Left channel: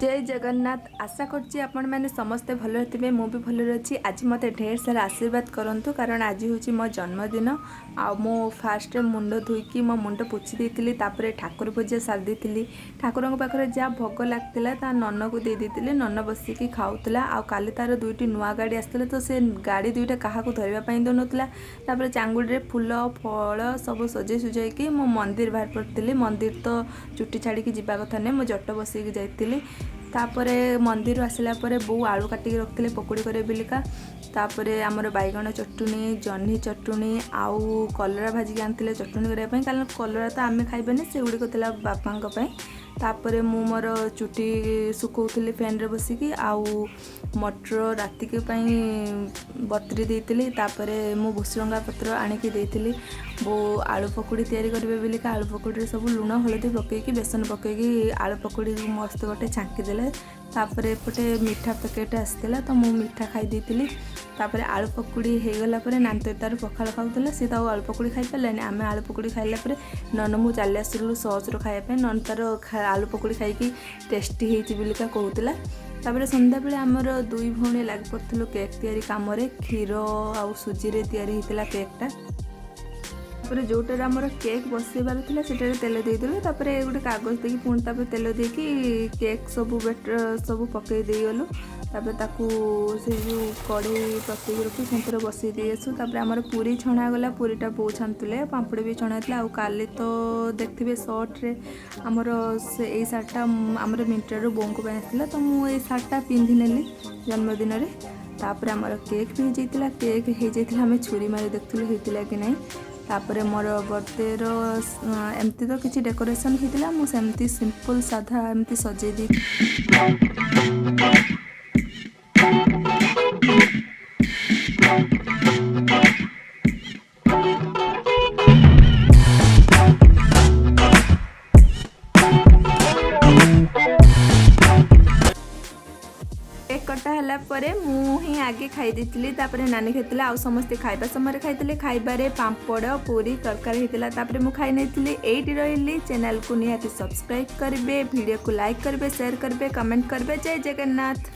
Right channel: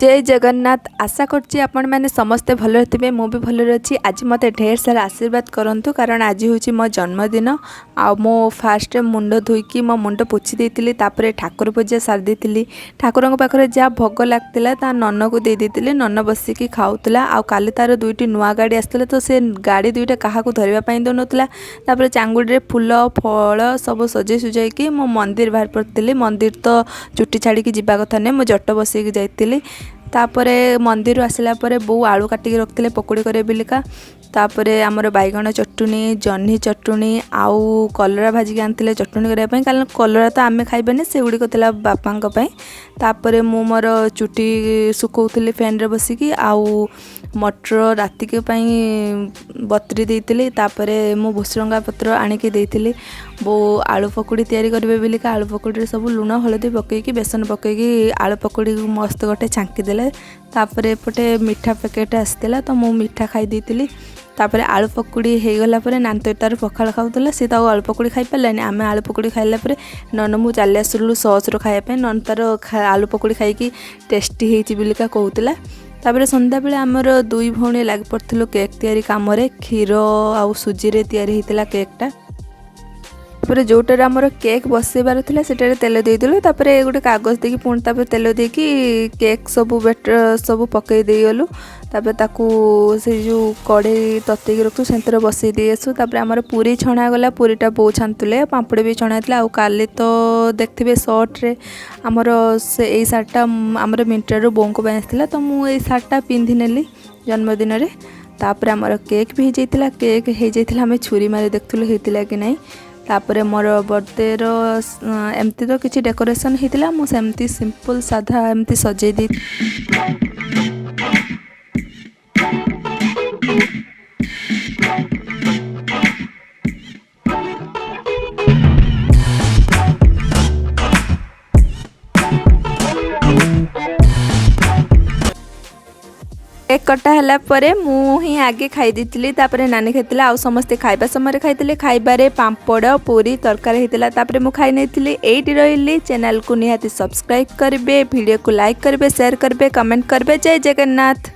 जय जगन्नाथ। आशा करछि आपण मैंने समस्ते भल थे मु भी भल अच्छी। आज मत ढेर सारा आशीर्वाद करूँ कारण आज हूँ मो जन्मदिन। आ मो फास्ट मुंड धोईकी मो मुंड पोछि देइतिली, तापरे ठाकुर पूजा सारी देइतिली। ठाकुर पाखे जहाँ भोग लगता ता नन को दे देइतिली। नन बसिकी खाऊला। आ काली तार दुईटी नुआ गाड़ी आसला तो से गाड़ी दुईटा क्या धरवाई दौनला। तापर चांगुड़ी फूल फल सब सजे सुजाइकी मो मंदिर बाहर पड़ी। मंदिर तो चुटी छाड़ी जावा कथा नहीं, मुझे जट बसैकी जाइली। तापरे मंदिर आसला परे बो आलू काटिक रखते पकोड़ी करे बिलिका। तापरे आमर बैगण चटुनी, जह्नी चटुनी आउ कलरा भाजिक आनी चटुनी करने कारण कलरा तो आम खाइबानी से गुड़िक बापा। तापरे मु मोर चुटी सुखौली फैन रे बसिकी। आउ मटर राति के बतरी देइतिली। तापरे मु भुसरंगा पत्र आनिकी देइतिली। बो आलू पकोड़ी तैयारी करेंगे बिलिका। आलू पकोड़ी सब लुण हलदी पकईकी बेसन पकईकी आलू पकोड़ी मस्त गोटे छांकी देले। तापरे एपटे मीठा पैकेट आसला तो मु मीठा खाई देइतिली। तापरे आलू पकोड़ी हो गला नानी तार पखाड़ खाऊला, सी तो आलू पकोड़ी खाई पारानी। आम आलू पकोड़ी खाइला नन मु चली आसलु सस खाइबा। नन तार आलू पकोड़ी खाई टेस्टी होती बिलिका कहूला। तापरे संध्या बेले आमर दुई भौणी लग पड़थिलु केक तैयारी काम रे। क्षीर आउ सुजी रे तैयारी होइतिला केकटा। तापर जोटार आमर केक बसैबार था से तेल देदेलु। तापर गोटे कागज देकी पुणी तापर तेल देकी केक सब बेटर सब पकई देगलु। तापर ताकू से जो कड़े ततैकी रखु से बसई दे आसु। तापर आमर पूरी छणा गला। पूरीटा बो छानुले, पापड़ भी छणा था। आउ काली तो देखिए सर्ट रे आमर से यही सार्टा आमर मिंट्रारू बों को आसाला तो मुझे सार्टा पिंधि नेली जन्मदिन रे। तापर आमर केक भी हो जाइतिला। केक हो जाइतिला आम छुरी मारी देखुलु होइतिला कि नहीं। तापरे मोर बर्थडे रो एमती तो किसी डेकोरेशन होता मुझे सिंपल साधा एमती सजे दी। केक कटा है परे मु ही आगे खाई देती। तापर नानी खाई आउ समस्ते खाइबा समय खाई खाइबारे पांपड़ पूरी तरकारी होता। तापर मु खाई नहीं एटी रही। चैनल को निहाती सब्सक्राइब करेंगे, वीडियो को लाइक करेंगे, शेयर करेंगे, कमेंट करेंगे। जय जगन्नाथ।